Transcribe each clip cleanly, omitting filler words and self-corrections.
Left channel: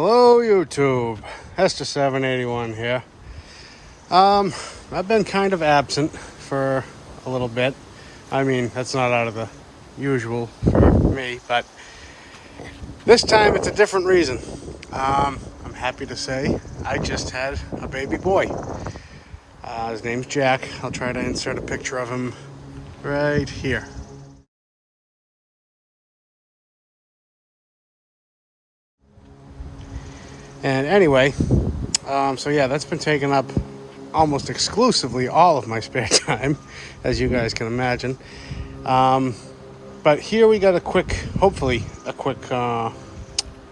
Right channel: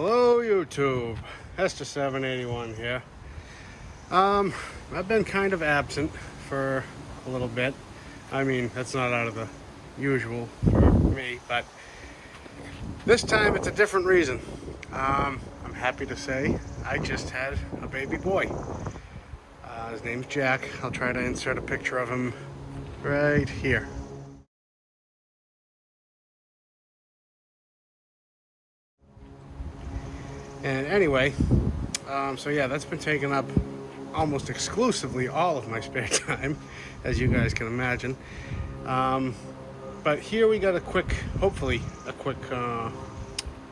Hello YouTube, Hester781 here. I've been kind of absent for a little bit. I mean, that's not out of the usual for me, but this time it's a different reason. I'm happy to say I just had a baby boy. His name's Jack. I'll try to insert a picture of him right here. And anyway, so yeah, that's been taking up almost exclusively all of my spare time, as you guys can imagine. But here we got hopefully a quick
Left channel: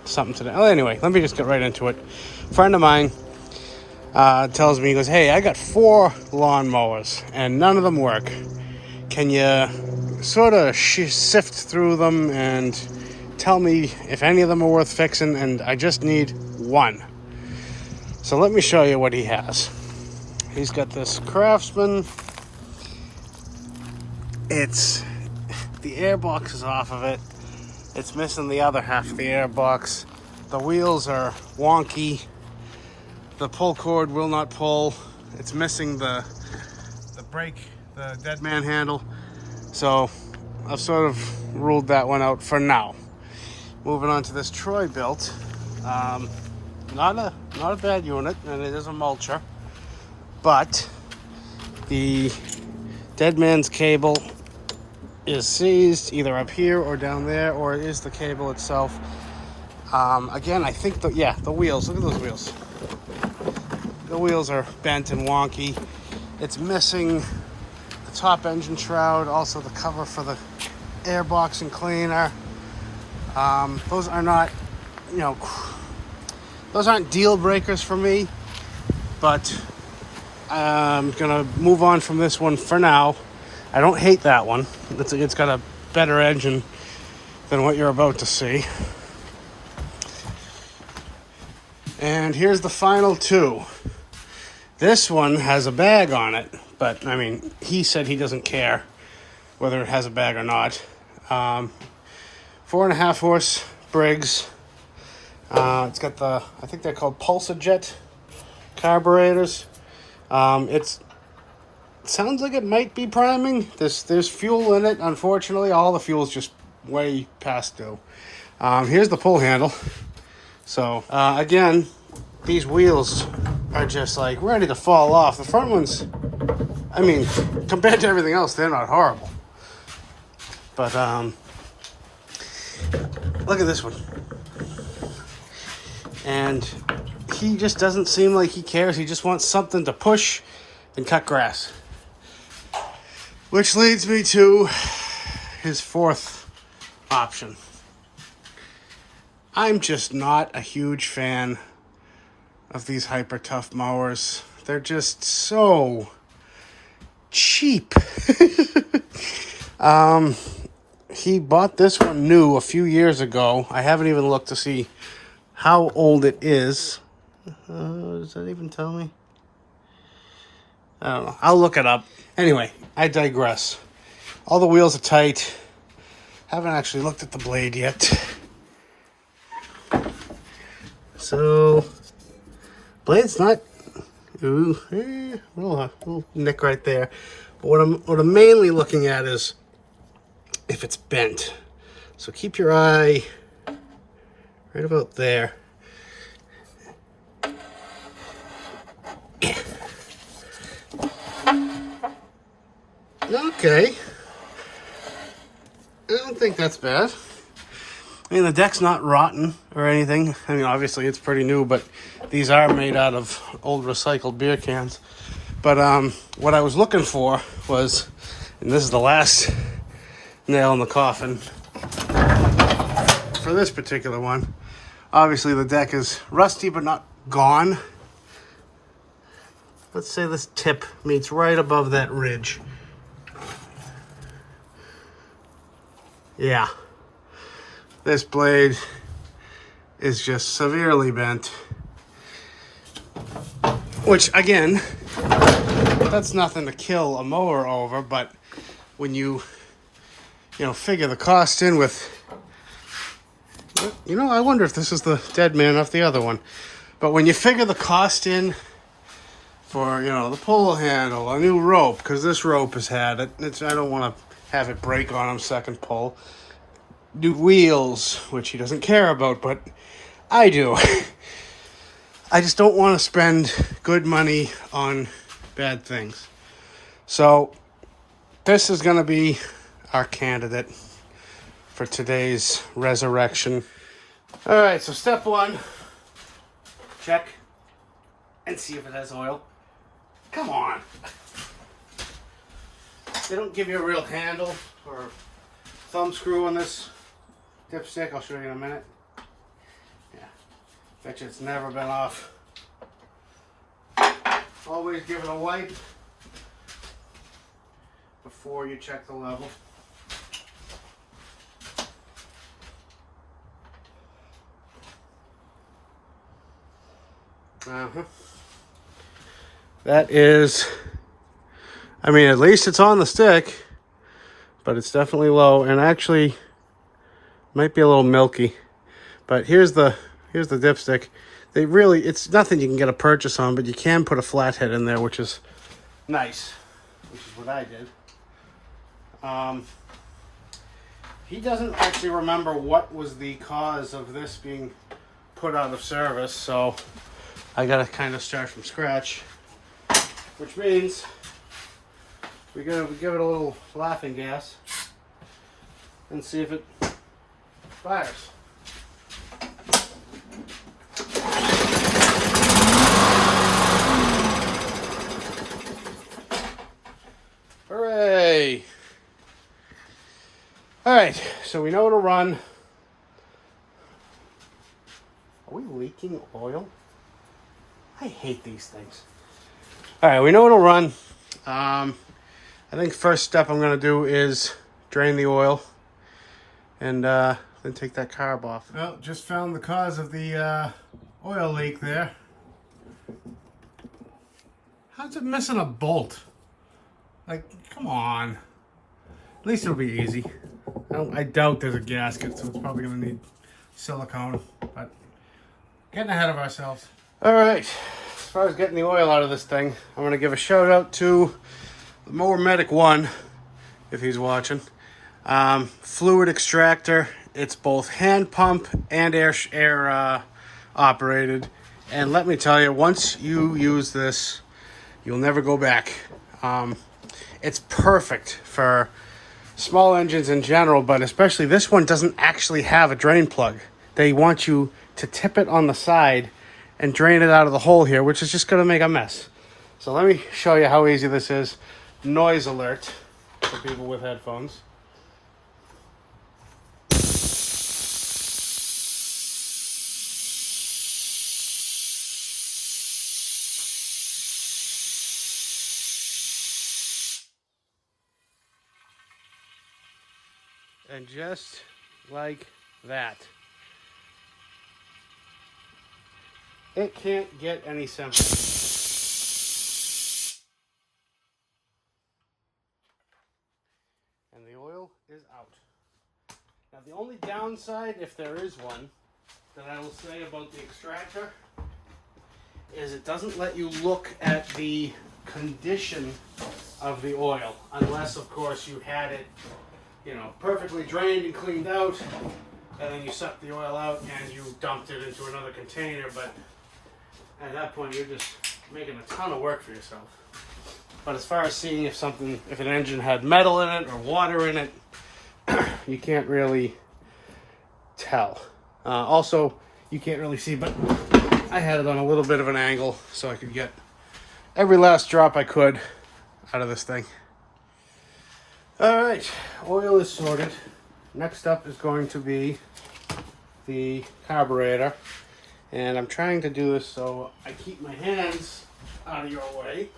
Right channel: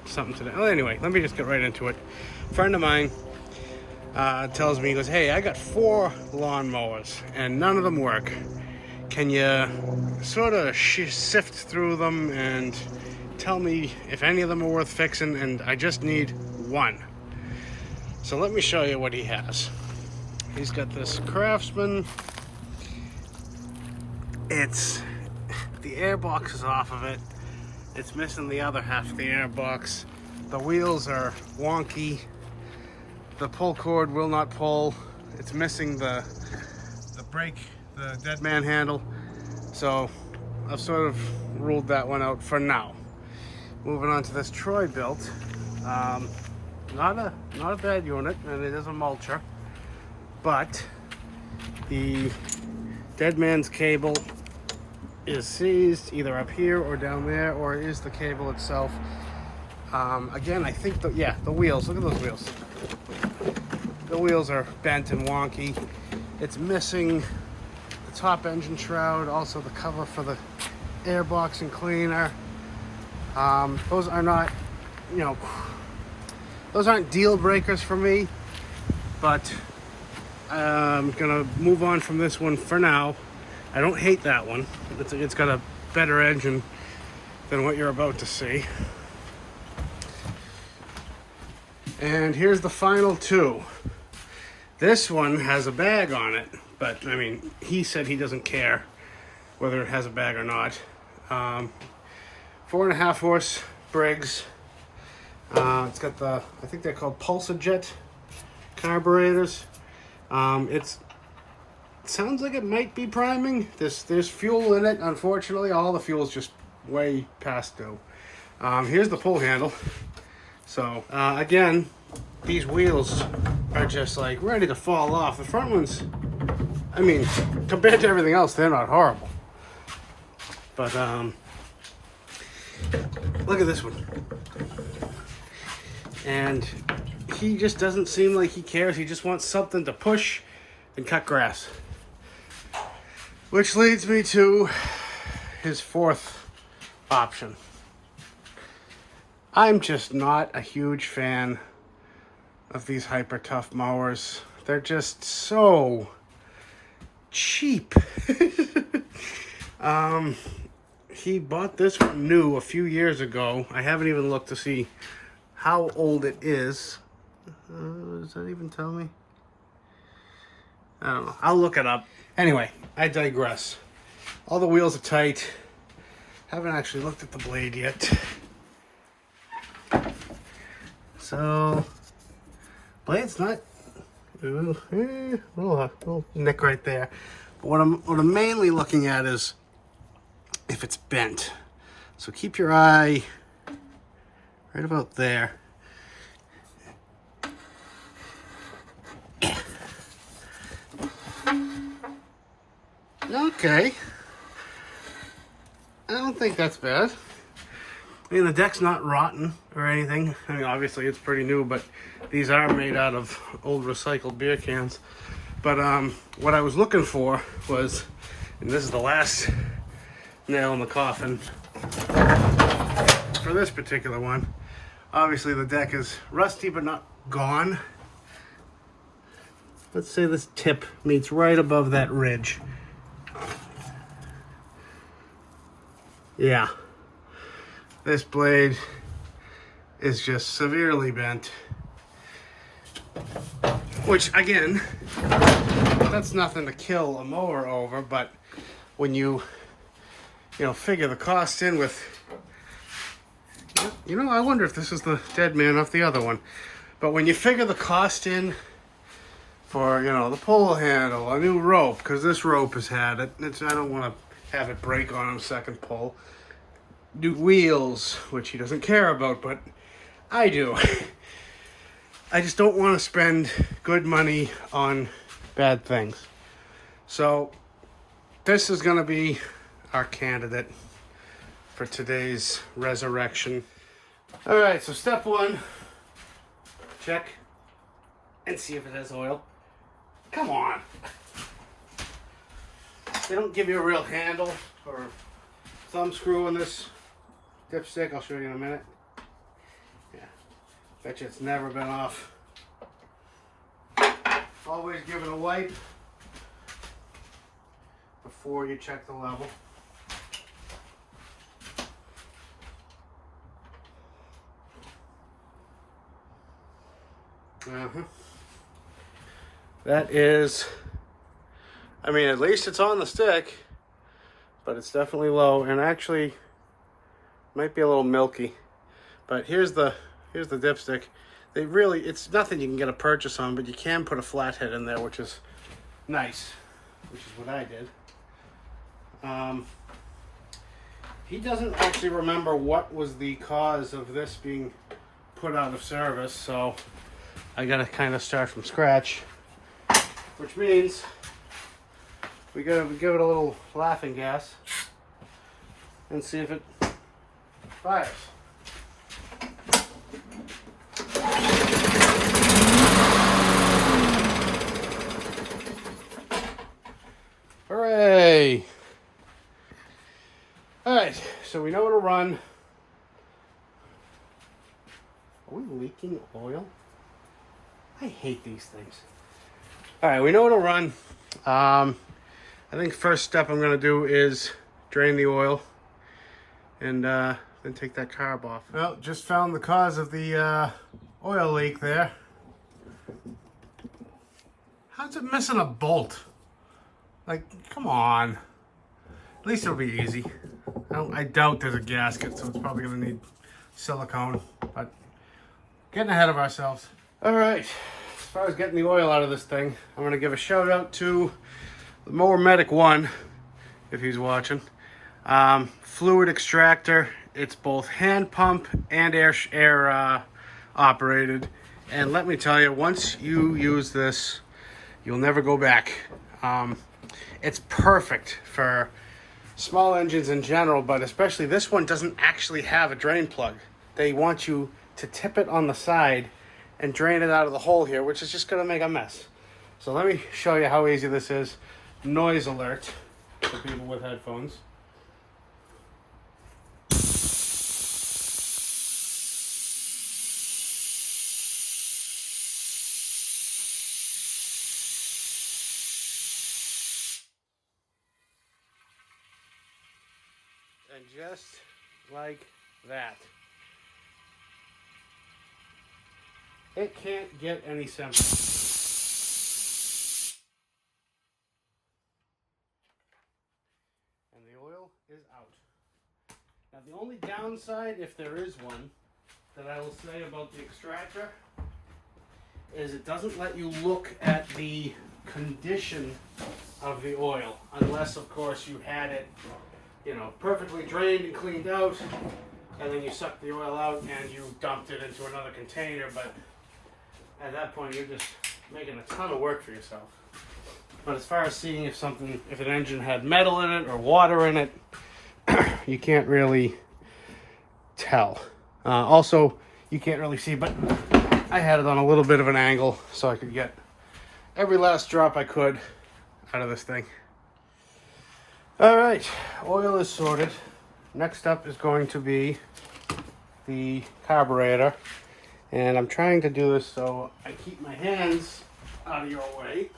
something today. Oh, anyway, let me just get right into it. A friend of mine tells me, he goes, "Hey, I got 4 lawnmowers and none of them work. Can you sort of sift through them and tell me if any of them are worth fixing?" And I just need one. So let me show you what he has. He's got this Craftsman. The airbox is off of it. It's missing the other half of the airbox. The wheels are wonky. The pull cord will not pull. It's missing the brake, the dead man handle. So I've sort of ruled that one out for now. Moving on to this Troy built. Not a bad unit, and it is a mulcher, but the dead man's cable is seized either up here or down there, or it is the cable itself. Again, I think the wheels, look at those wheels. The wheels are bent and wonky. It's missing the top engine shroud, also the cover for the airbox and cleaner. Those are not, those aren't deal breakers for me, but I'm gonna move on from this one for now. I don't hate that one. It's got a better engine than what you're about to see. And here's the final 2. This one has a bag on it, but I mean, he said he doesn't care whether it has a bag or not. 4.5 horse Briggs. It's got I think they're called Pulsajet carburetors. It sounds like it might be priming. There's fuel in it. Unfortunately, all the fuel's just way past due. Here's the pull handle. So again, these wheels are just like ready to fall off. The front ones, I mean, compared to everything else, they're not horrible. But look at this one. And he just doesn't seem like he cares. He just wants something to push and cut grass. Which leads me to his 4th option. I'm just not a huge fan of these hyper tough mowers. They're just so cheap. He bought this one new a few years ago. I haven't even looked to see how old it is. Does that even tell me? I don't know. I'll look it up. Anyway, I digress. All the wheels are tight. Haven't actually looked at the blade yet. So, blade's not... little nick right there. But what I'm mainly looking at is if it's bent. So keep your eye right about there. Okay. I don't think that's bad. I mean, the deck's not rotten or anything. I mean, obviously it's pretty new, but these are made out of old recycled beer cans. But what I was looking for was, and this is the last nail in the coffin for this particular one. Obviously the deck is rusty but not gone. Let's say this tip meets right above that ridge. Yeah, this blade is just severely bent, which again, that's nothing to kill a mower over, but when you figure the cost in with You know, I wonder if this is the dead man off the other one. But when you figure the cost in for, you know, the pull handle, a new rope, because this rope has had it. I don't want to have it break on him second pull. New wheels, which he doesn't care about, but I do. I just don't want to spend good money on bad things. So this is going to be our candidate for today's resurrection. All right, so step one, check and see if it has oil. Come on. They don't give you a real handle or thumb screw on this dipstick. I'll show you in a minute. Yeah, bet you it's never been off. Always give it a wipe before you check the level. That is, I mean, at least it's on the stick, but it's definitely low, and actually might be a little milky. But here's the dipstick. It's nothing you can get a purchase on, but you can put a flathead in there, which is nice, which is what I did. He doesn't actually remember what was the cause of this being put out of service, so I gotta kind of start from scratch, which means we give it a little laughing gas and see if it fires. Hooray! All right, so we know to run. Are we leaking oil? I hate these things. All right, we know it'll run. I think first step I'm gonna do is drain the oil and then take that carb off. Well, just found the cause of the oil leak there. How's it missing a bolt? Like, come on. At least it'll be easy. I doubt there's a gasket, so it's probably gonna need silicone, but getting ahead of ourselves. All right, as far as getting the oil out of this thing, I'm gonna give a shout out to the Mower Medic 1, if he's watching. Fluid extractor. It's both hand pump and air operated. And let me tell you, once you use this, you'll never go back. It's perfect for small engines in general, but especially this one doesn't actually have a drain plug. They want you to tip it on the side and drain it out of the hole here, which is just going to make a mess. So let me show you how easy this is. Noise alert for people with headphones. And just like that, it can't get any simpler. And the oil is out. Now the only downside, if there is one, that I will say about the extractor is it doesn't let you look at the condition of the oil, unless of course you had it, you know, perfectly drained and cleaned out, and then you sucked the oil out and you dumped it into another container. But at that point, you're just making a ton of work for yourself. But as far as seeing if an engine had metal in it or water in it, you can't really tell. Also, you can't really see, but I had it on a little bit of an angle so I could get every last drop I could out of this thing. All right, oil is sorted. Next up is going to be the carburetor. And I'm trying to do this so I keep my hands out of your way.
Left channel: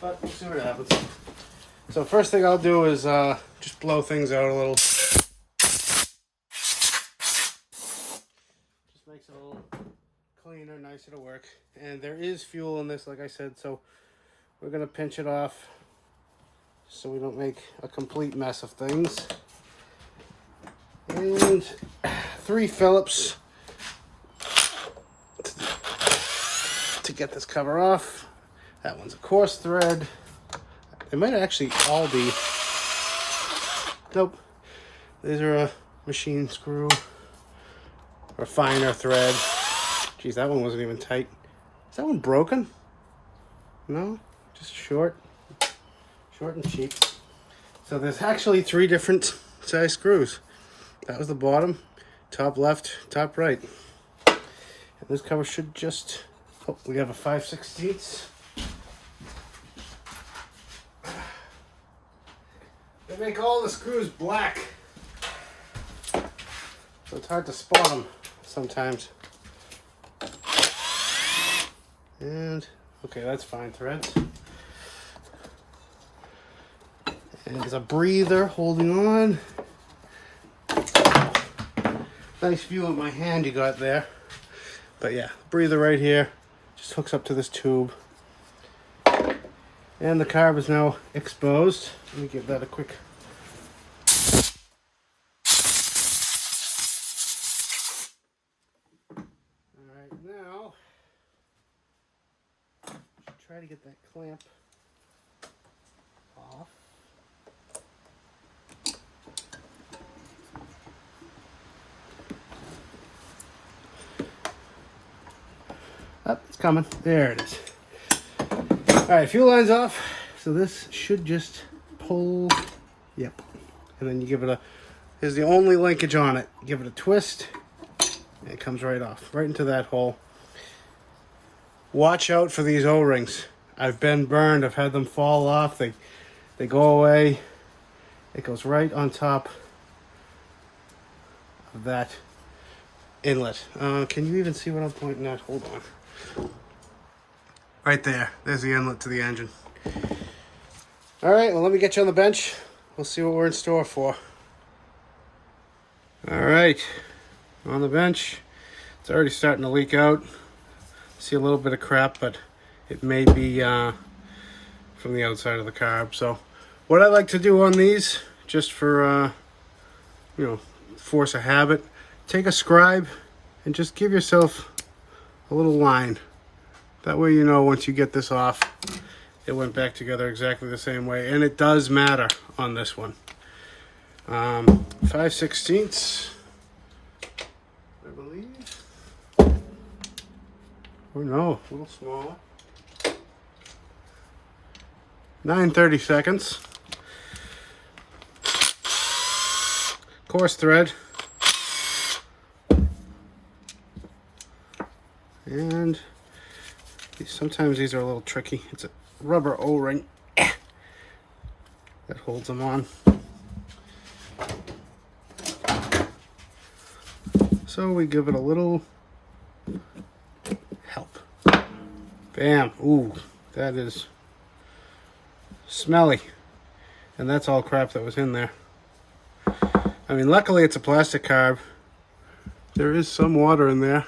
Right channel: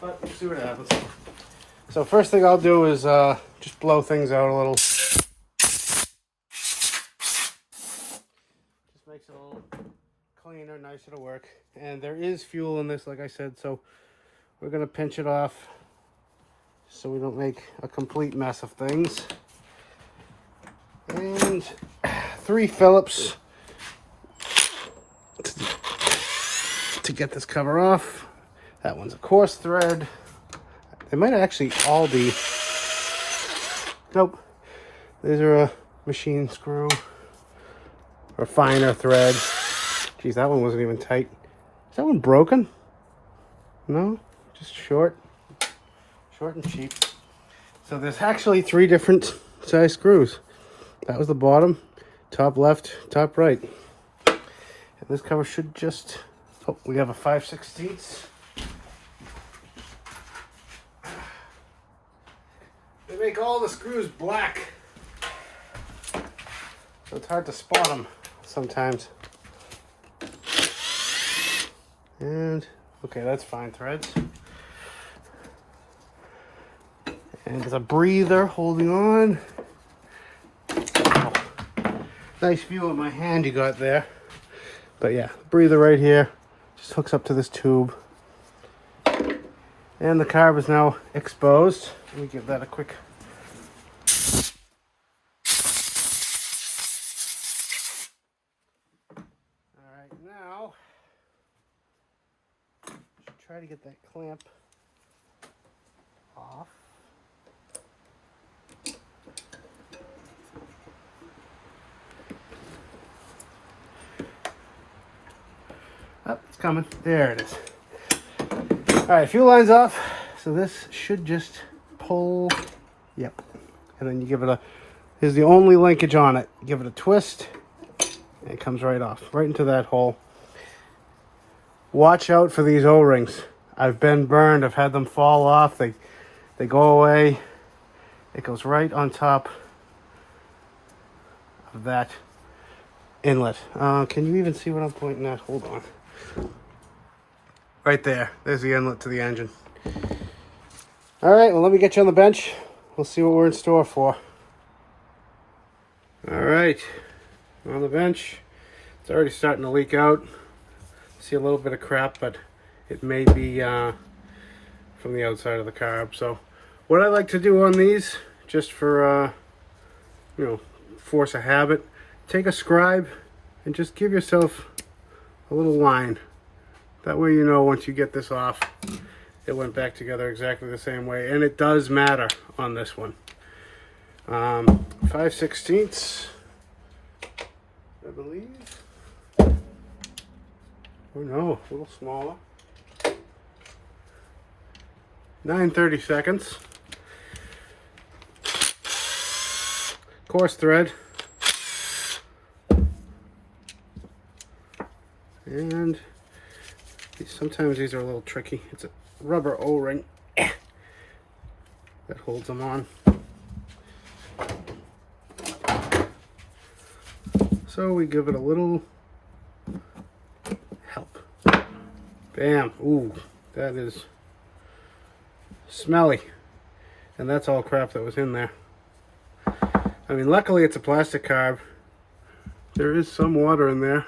But we'll see what happens. So first thing I'll do is just blow things out a little. Just makes it a little cleaner, nicer to work. And there is fuel in this, like I said, so we're gonna pinch it off so we don't make a complete mess of things. And 3 Phillips to get this cover off. That one's a coarse thread. They might actually all be, nope, these are a machine screw or finer thread. Geez, that one wasn't even tight. Is that one broken? No, just short and cheap. So there's actually 3 different size screws. That was the bottom, top left, top right. And this cover should just, oh, we have a 5/16. They make all the screws black, so it's hard to spot them sometimes. And okay, that's fine threads. And there's a breather holding on. Nice view of my hand you got there. But yeah, breather right here just hooks up to this tube. And the carb is now exposed. Let me give that a quick. All right, now try to get that clamp off. Oh, it's coming. There it is. All right, fuel line's off. So this should just pull. Yep. And then you give it a, this is the only linkage on it. Give it a twist. And it comes right off, right into that hole. Watch out for these O-rings. I've been burned. I've had them fall off. They go away. It goes right on top of that inlet. Can you even see what I'm pointing at? Hold on. Right there. There's the inlet to the engine. All right, well, let me get you on the bench. We'll see what we're in store for. All right, on the bench. It's already starting to leak out. See a little bit of crap, but it may be from the outside of the carb. So what I like to do on these, just for, you know, force a habit, take a scribe and just give yourself a little line. That way you know once you get this off, it went back together exactly the same way. And it does matter on this one. 5/16, I believe. Oh no, a little smaller. 9/32. Coarse thread. And sometimes these are a little tricky. It's a rubber O-ring that holds them on. So we give it a little help. Bam. Ooh, that is smelly. And that's all crap that was in there. I mean, luckily it's a plastic carb. There is some water in there.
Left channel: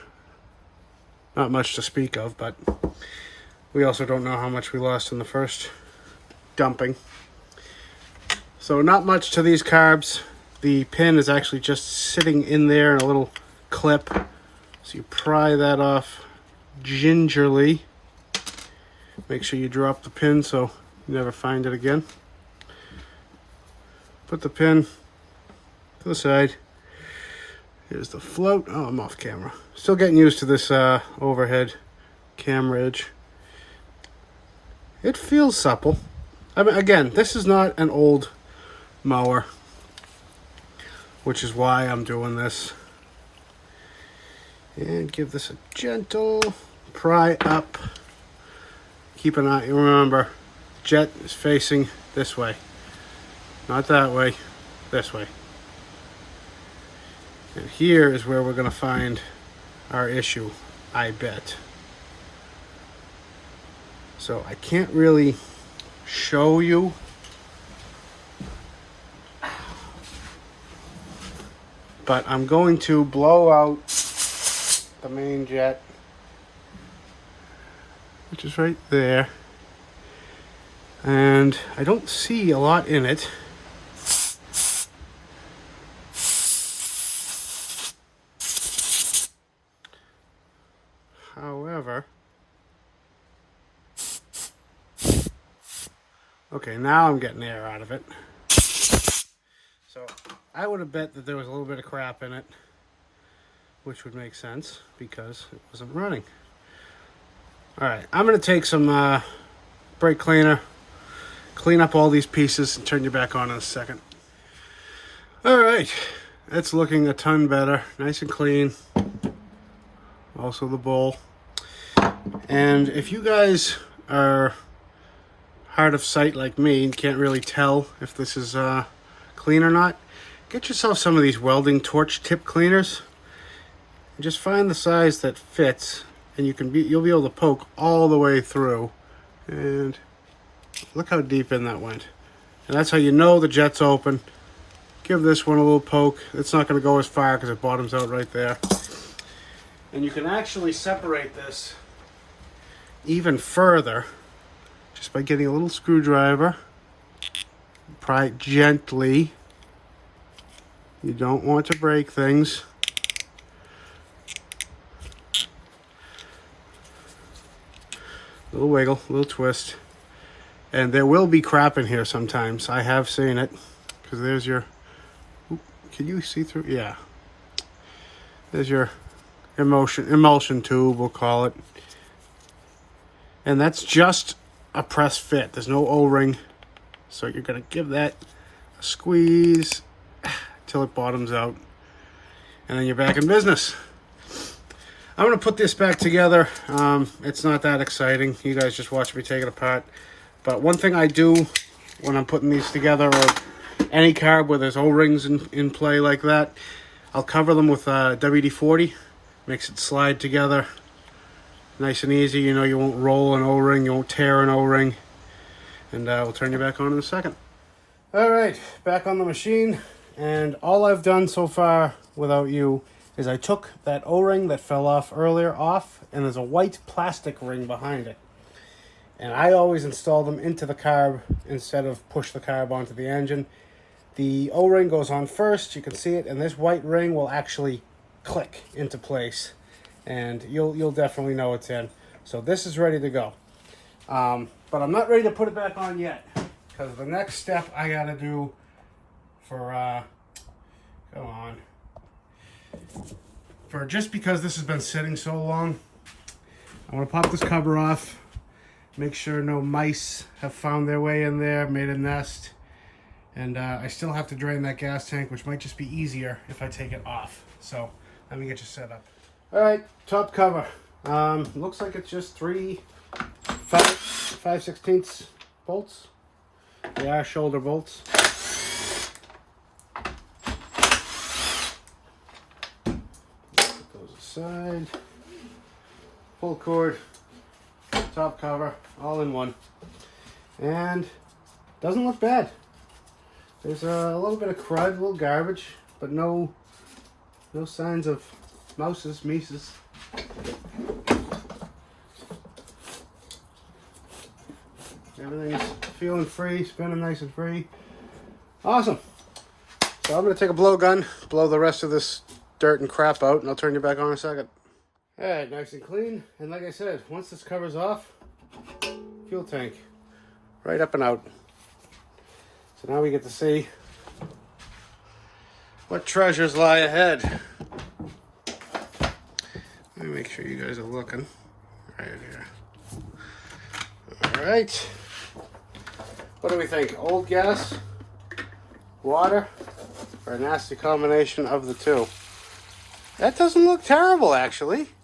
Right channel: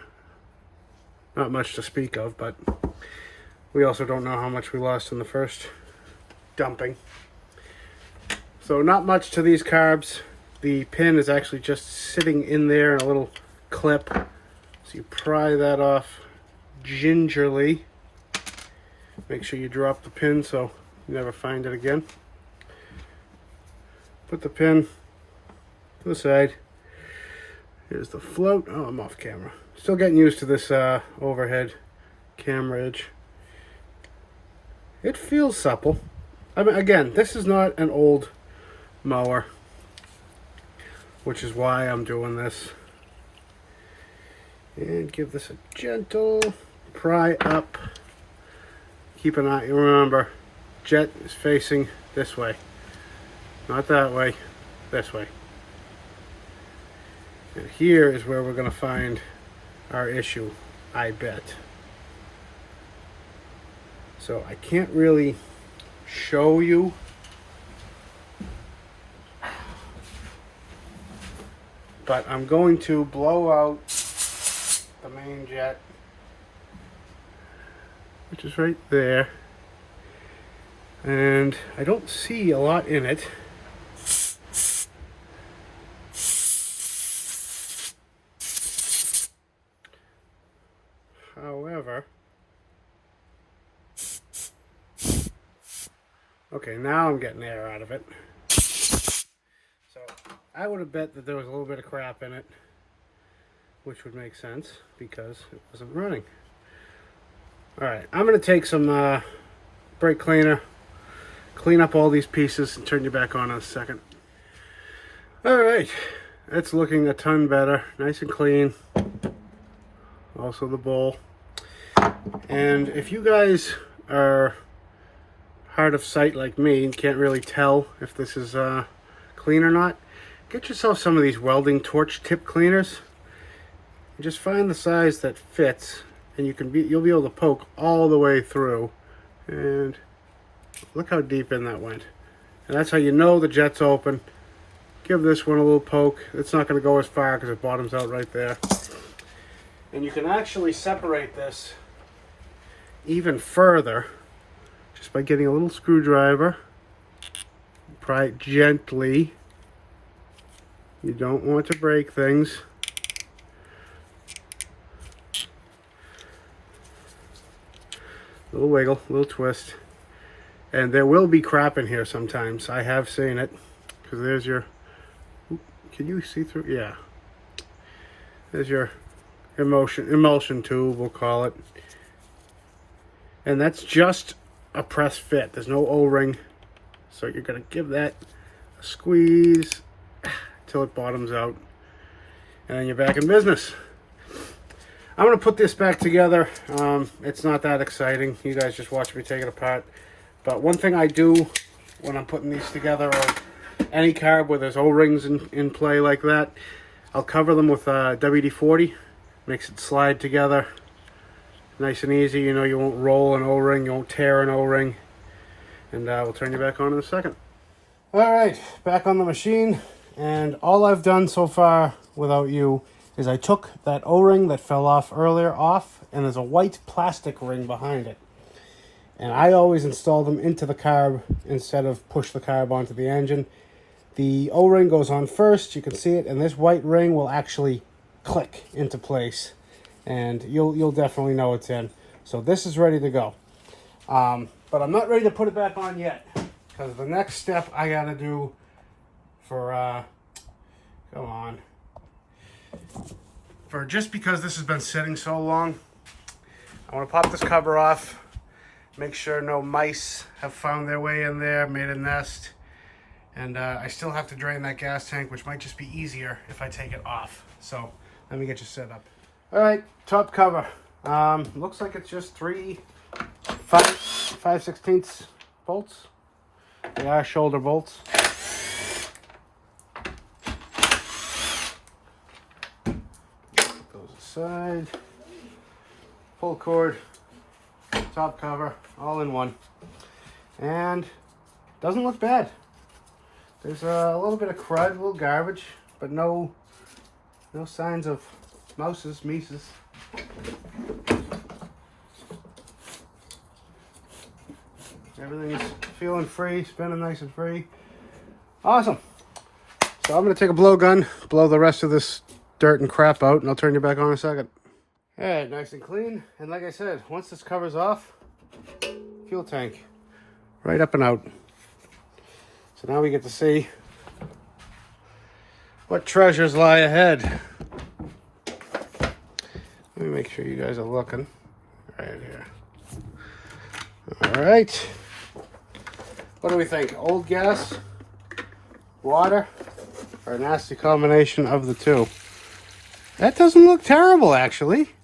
Not much to speak of, but we also don't know how much we lost in the first dumping. So not much to these carbs. The pin is actually just sitting in there in a little clip. So you pry that off gingerly. Make sure you drop the pin so you never find it again. Put the pin to the side. Here's the float. Oh, I'm off camera. Still getting used to this overhead camrage. It feels supple. I mean, again, this is not an old mower, which is why I'm doing this. And give this a gentle pry up. Keep an eye. Remember, jet is facing this way, not that way. This way. And here is where we're going to find our issue, I bet. So I can't really show you. But I'm going to blow out the main jet, which is right there. And I don't see a lot in it. However, okay, now I'm getting air out of it. So I would have bet that there was a little bit of crap in it, which would make sense because it wasn't running. All right, I'm gonna take some brake cleaner, clean up all these pieces, and turn you back on in a second. All right, it's looking a ton better, nice and clean. Also the bowl. And if you guys are hard of sight like me and can't really tell if this is clean or not, get yourself some of these welding torch tip cleaners and just find the size that fits, and you'll be able to poke all the way through. And look how deep in that went. And that's how you know the jet's open. Give this one a little poke. It's not going to go as far because it bottoms out right there. And you can actually separate this even further just by getting a little screwdriver. Pry it gently. You don't want to break things. Little wiggle, little twist. And there will be crap in here sometimes. I have seen it. Because there's your... Ooh, can you see through? Yeah. There's your emulsion tube, we'll call it. And that's just a press fit. There's no O-ring. So you're going to give that a squeeze till it bottoms out. And then you're back in business. I'm going to put this back together. It's not that exciting. You guys just watch me take it apart. But one thing I do when I'm putting these together, or any carb where there's O-rings in play like that, I'll cover them with WD-40. Makes it slide together nice and easy. You know, you won't roll an O-ring, you won't tear an O-ring. And we'll turn you back on in a second. All right, back on the machine. And all I've done so far without you is I took that O-ring that fell off earlier off, and there's a white plastic ring behind it. And I always install them into the carb instead of push the carb onto the engine. The O-ring goes on first, you can see it, and this white ring will actually click into place. And you'll definitely know it's in. So this is ready to go. But I'm not ready to put it back on yet, because the next step I gotta do for, just because this has been sitting so long, I want to pop this cover off, make sure no mice have found their way in there, made a nest, and I still have to drain that gas tank, which might just be easier if I take it off. So let me get you set up. All right, top cover. Looks like it's just 5/16 bolts. They are shoulder bolts. Goes aside. Full cord, top cover, all in one. And doesn't look bad. There's a little bit of crud, a little garbage, but no signs of mices. Everything's feeling free, spinning nice and free. Awesome. So I'm going to take a blowgun, blow the rest of this dirt and crap out, and I'll turn you back on in a second. Alright, nice and clean. And like I said, once this cover's off, fuel tank, right up and out. So now we get to see what treasures lie ahead. Let me make sure you guys are looking right here. All right. What do we think? Old gas, water, or a nasty combination of the two? That doesn't look terrible, actually.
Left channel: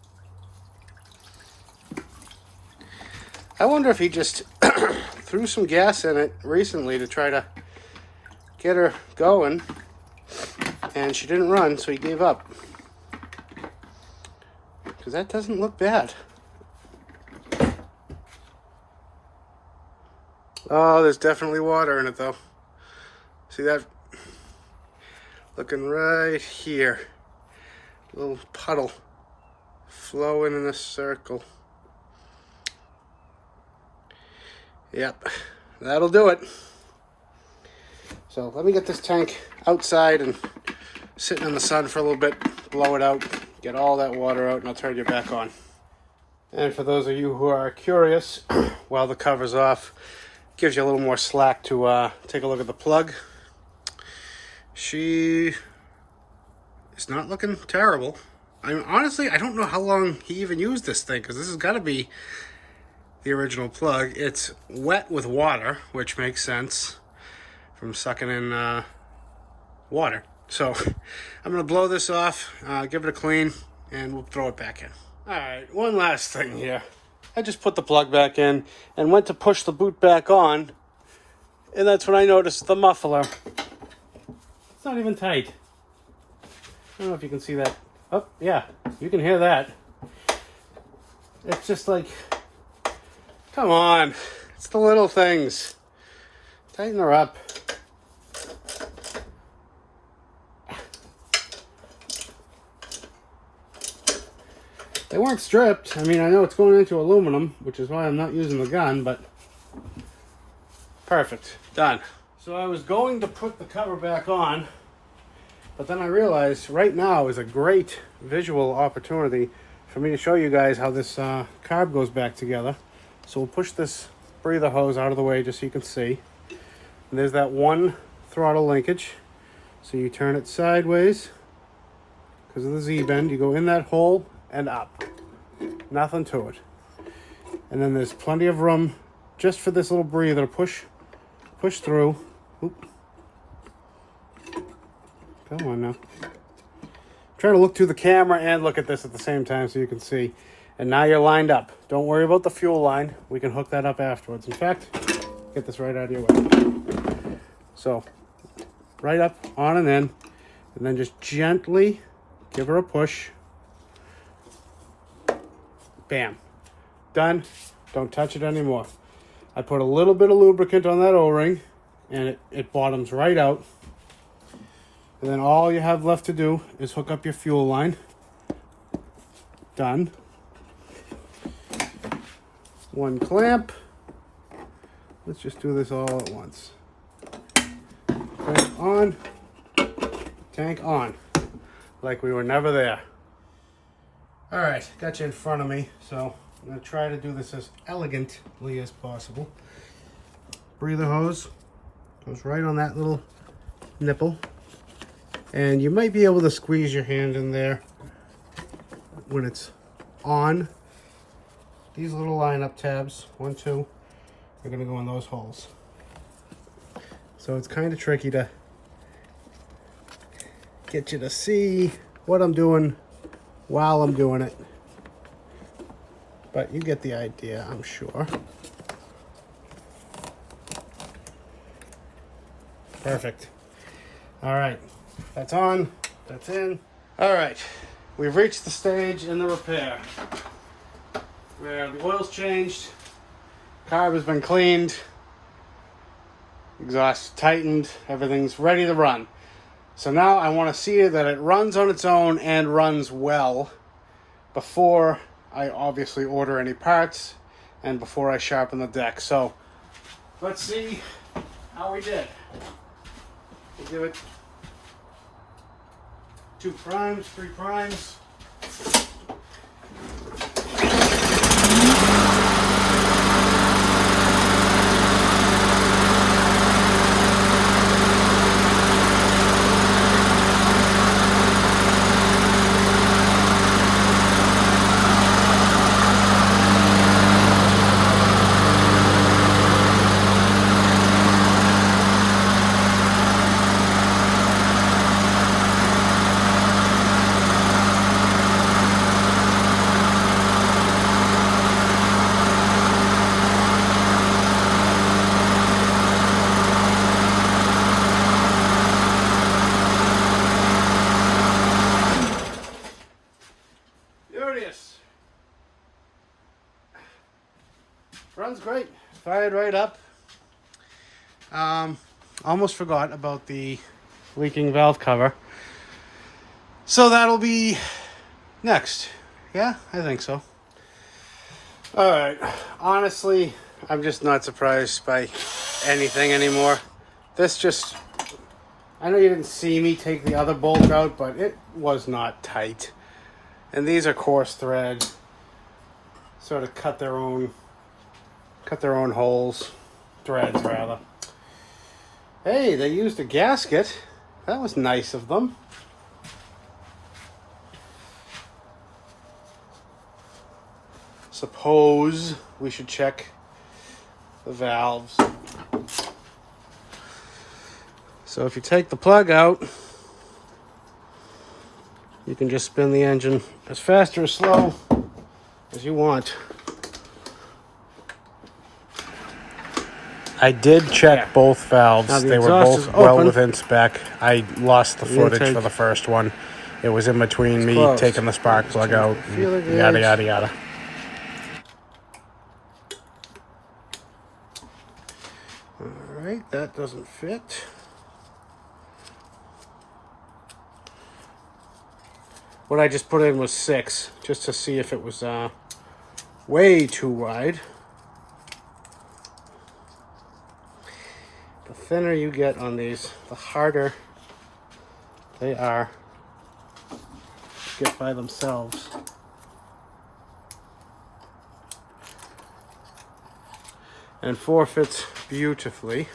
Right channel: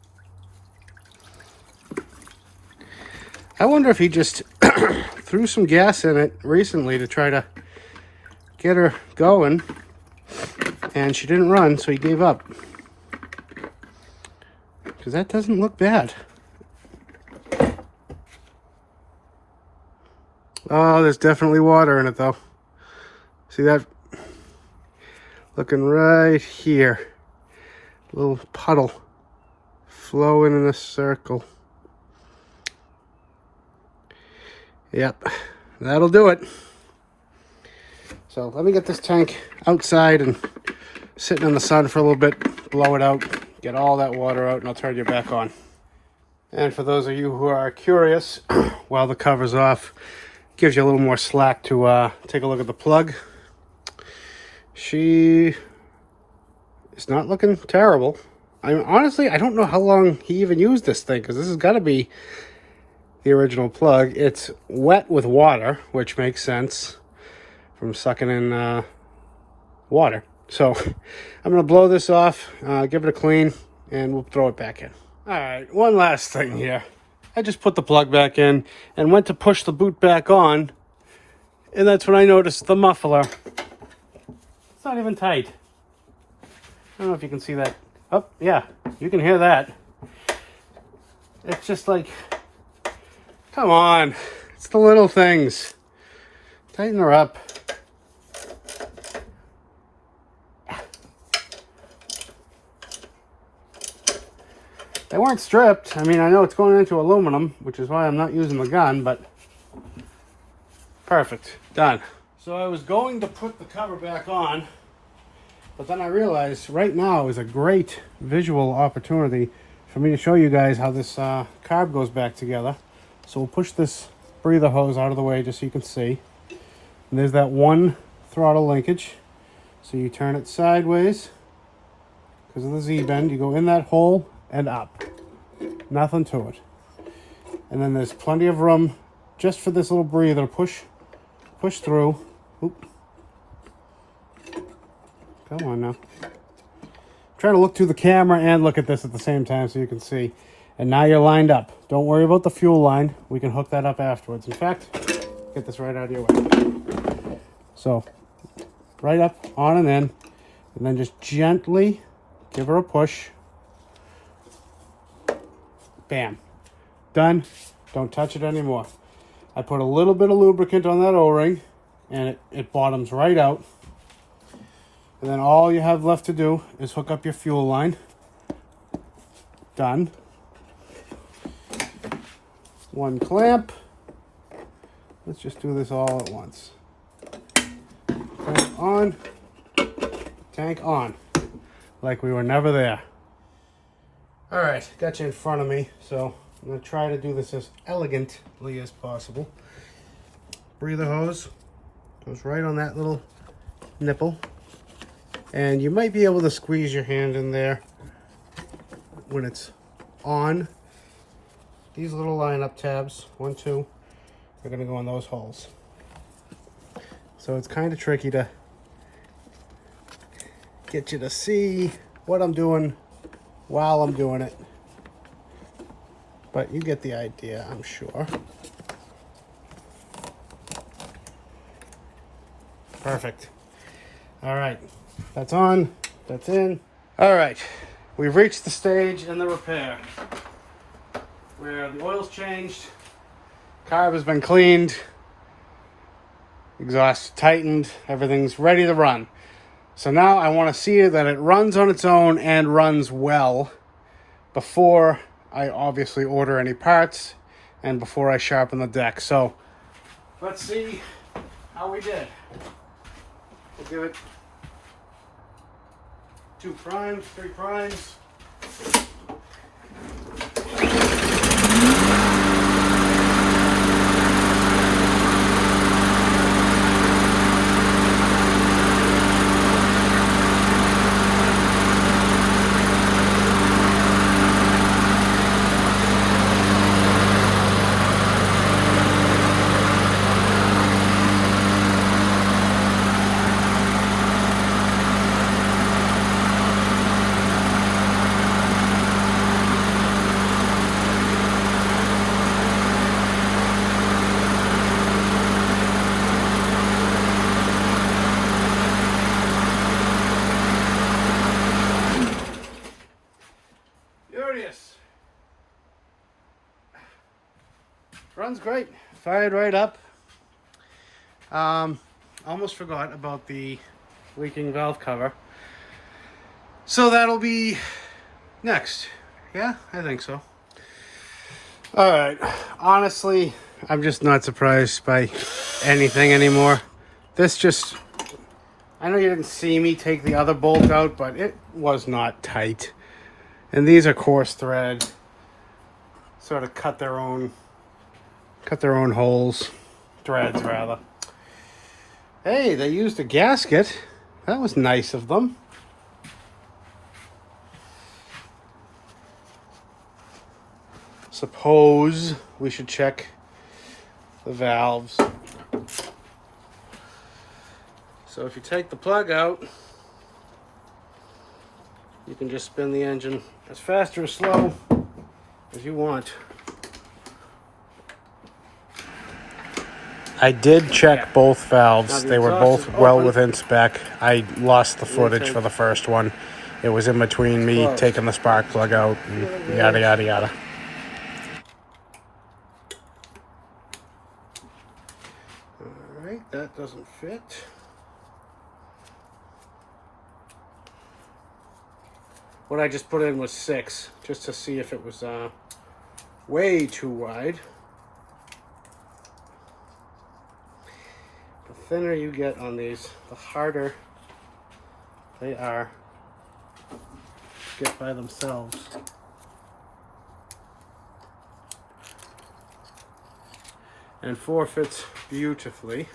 I wonder if he just threw some gas in it recently to try to get her going, and she didn't run, so he gave up. Because that doesn't look bad. Oh, there's definitely water in it, though. See that? Looking right here. A little puddle flowing in a circle. Yep, that'll do it. So let me get this tank outside and sitting in the sun for a little bit, blow it out, get all that water out, and I'll turn you back on. And for those of you who are curious, while the cover's off, gives you a little more slack to take a look at the plug. She is not looking terrible. Honestly, I don't know how long he even used this thing, because this has got to be the original plug. It's wet with water, which makes sense from sucking in water. So I'm going to blow this off, give it a clean, and we'll throw it back in. All right, one last thing here. I just put the plug back in and went to push the boot back on, and that's when I noticed the muffler. It's not even tight. I don't know if you can see that. Oh, yeah, you can hear that. It's just like, come on. It's the little things. Tighten her up. They weren't stripped. I mean, I know it's going into aluminum, which is why I'm not using the gun, but perfect. Done. So I was going to put the cover back on, but then I realized right now is a great visual opportunity for me to show you guys how this carb goes back together. So we'll push this breather hose out of the way just so you can see. And there's that one throttle linkage. So you turn it sideways because of the Z-bend. You go in that hole and up. Nothing to it. And then there's plenty of room just for this little breather to push through. Oop. Come on now. I'm trying to look through the camera and look at this at the same time so you can see. And now you're lined up. Don't worry about the fuel line. We can hook that up afterwards. In fact, get this right out of your way. So, right up, on and in. And then just gently give her a push. Bam. Done. Don't touch it anymore. I put a little bit of lubricant on that O-ring and it bottoms right out. And then all you have left to do is hook up your fuel line. Done. One clamp. Let's just do this all at once. Clamp on. Tank on. Like we were never there. All right, got you in front of me, so I'm gonna try to do this as elegantly as possible. Breather hose goes right on that little nipple. And you might be able to squeeze your hand in there when it's on. These little line-up tabs, 1, 2, are gonna go in those holes. So it's kind of tricky to get you to see what I'm doing while I'm doing it. But you get the idea, I'm sure. Perfect. All right, that's on, that's in. All right, we've reached the stage in the repair where the oil's changed, carb has been cleaned, exhaust tightened, everything's ready to run. So now I want to see that it runs on its own and runs well before I obviously order any parts and before I sharpen the deck. So let's see how we did. We'll give it 2 primes, 3 primes. Runs great, fired right up. Almost forgot about the leaking valve cover. So that'll be next. Yeah, I think so. All right, honestly, I'm just not surprised by anything anymore. This just, I know you didn't see me take the other bolt out, but it was not tight. And these are coarse thread. sort of cut their own holes, threads rather. Hey, they used a gasket. That was nice of them. Suppose we should check the valves. So if you take the plug out, you can just spin the engine as fast or as slow as you want. I did check both valves. They were both well within spec. I lost the footage for the first one. It was in between me taking the spark plug out and yada, yada, yada. All right, that doesn't fit. What I just put in was 6, just to see if it was way too wide. The thinner you get on these, the harder they are to get by themselves. And 4 fits beautifully.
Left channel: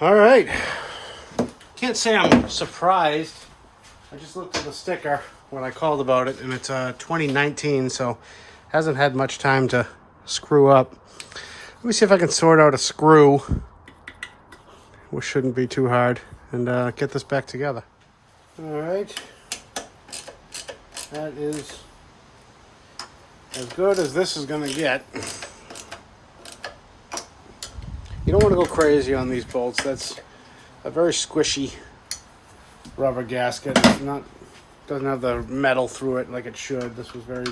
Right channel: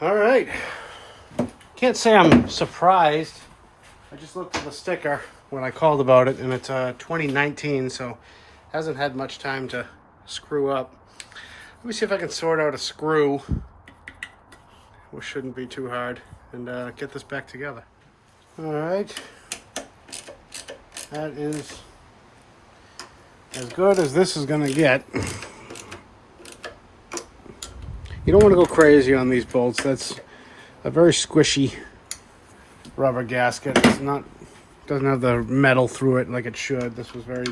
All right. Can't say I'm surprised. I just looked at the sticker when I called about it, and it's 2019, so hasn't had much time to screw up. Let me see if I can sort out a screw, which shouldn't be too hard, and get this back together. All right, that is as good as this is going to get. You don't want to go crazy on these bolts. That's a very squishy rubber gasket. Doesn't have the metal through it like it should. This was very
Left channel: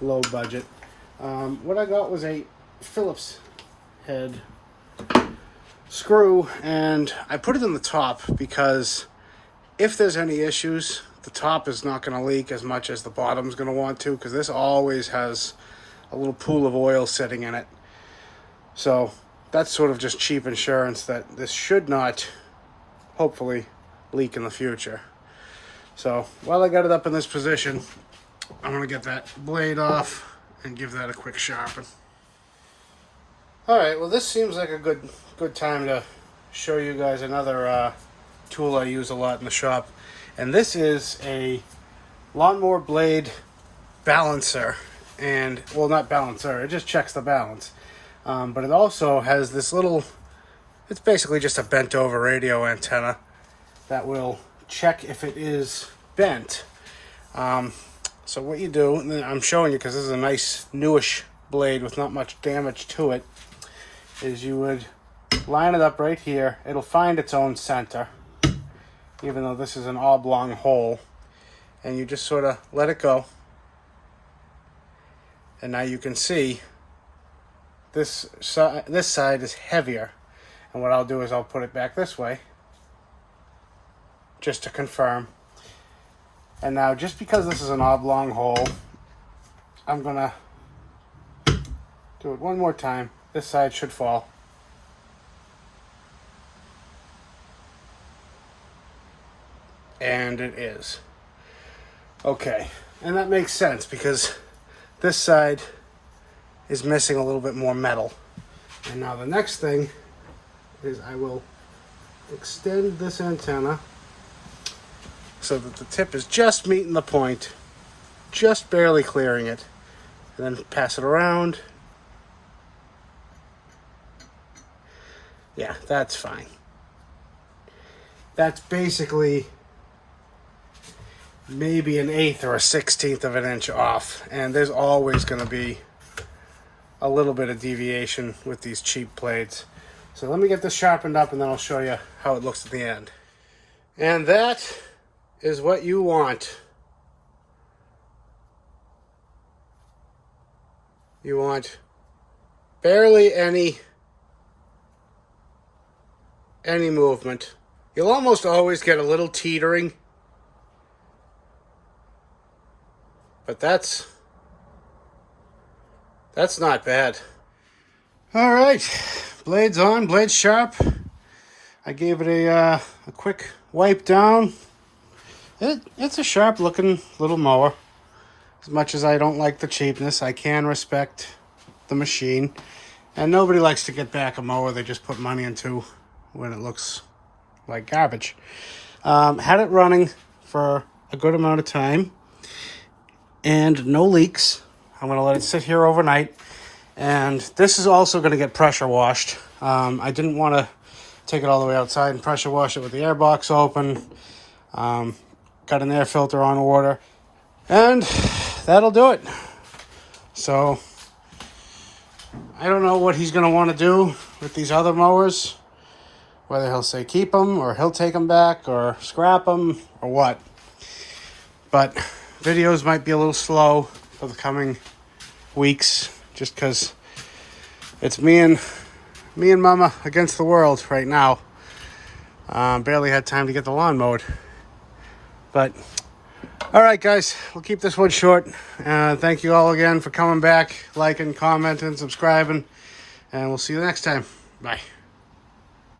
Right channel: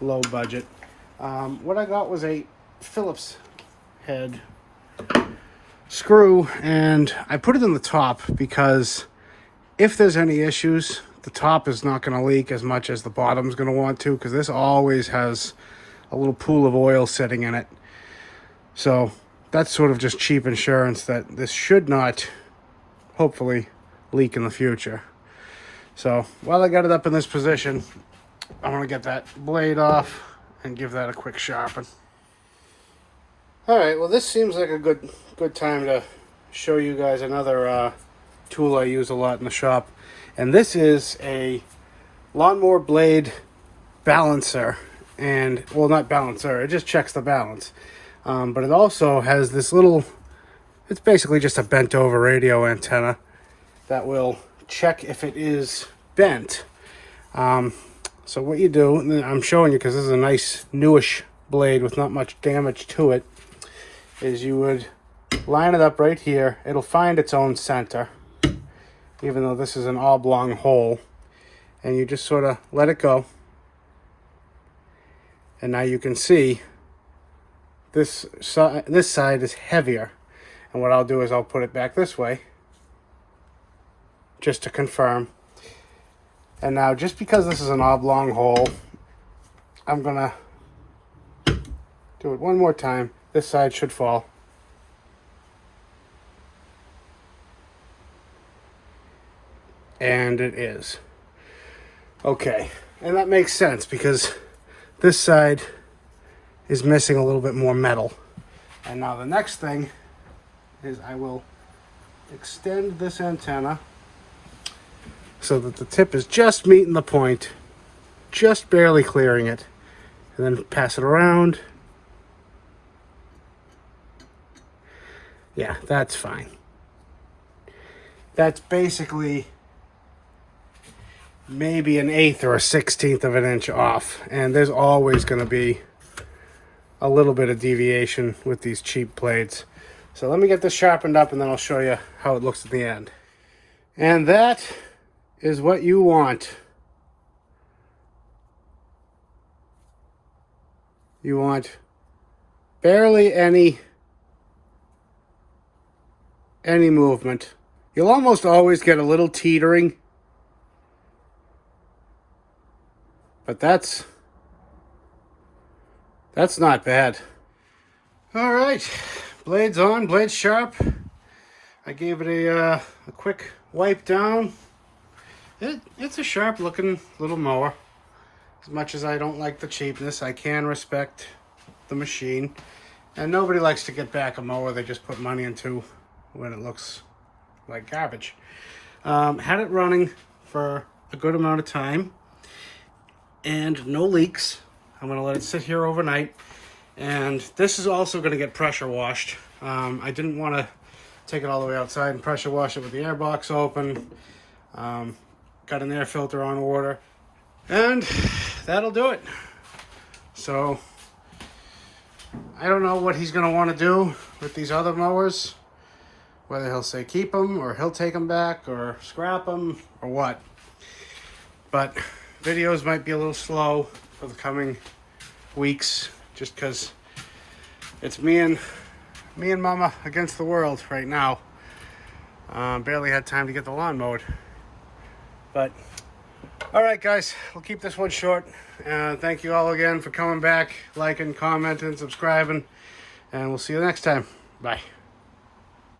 low budget. What I got was a Phillips head screw, and I put it in the top because if there's any issues, the top is not going to leak as much as the bottom's going to want to, because this always has a little pool of oil sitting in it. So that's sort of just cheap insurance that this should not, hopefully, leak in the future. So while I got it up in this position, I want to get that blade off and give that a quick sharpen. All right, well, this seems like a good time to show you guys another tool I use a lot in the shop, and this is a lawnmower blade balancer. And well, not balancer, it just checks the balance, but it also has this little, it's basically just a bent over radio antenna that will check if it is bent. So what you do, and I'm showing you because this is a nice newish blade with not much damage to it, is you would line it up right here. It'll find its own center, even though this is an oblong hole, and you just sort of let it go. And now you can see this side is heavier, and what I'll do is I'll put it back this way just to confirm. And now, just because this is an oblong hole, I'm gonna do it one more time. This side should fall. And it is. Okay, and that makes sense because this side is missing a little bit more metal. And now the next thing is I will extend this antenna so that the tip is just meeting the point, just barely clearing it, and then pass it around. Yeah, that's fine. That's basically maybe 1/8 or 1/16 of an inch off, and there's always going to be a little bit of deviation with these cheap blades. So let me get this sharpened up, and then I'll show you how it looks at the end. And that is what you want. You want barely any movement. You'll almost always get a little teetering, but that's not bad. All right, blades on, blades sharp. I gave it a quick wipe down. It's a sharp looking little mower. As much as I don't like the cheapness, I can respect the machine. And nobody likes to get back a mower they just put money into when it looks like garbage. Had it running for a good amount of time and no leaks. I'm going to let it sit here overnight. And this is also going to get pressure washed. I didn't want to take it all the way outside and pressure wash it with the air box open. Got an air filter on order. And that'll do it. So I don't know what he's going to want to do with these other mowers. Whether he'll say keep them or he'll take them back or scrap them or what. But videos might be a little slow for the coming weeks just because it's me and Mama against the world right now. Barely had time to get the lawn mowed. But all right, guys, we'll keep this one short. Thank you all again for coming back, liking, commenting, subscribing, and we'll see you next time. Bye.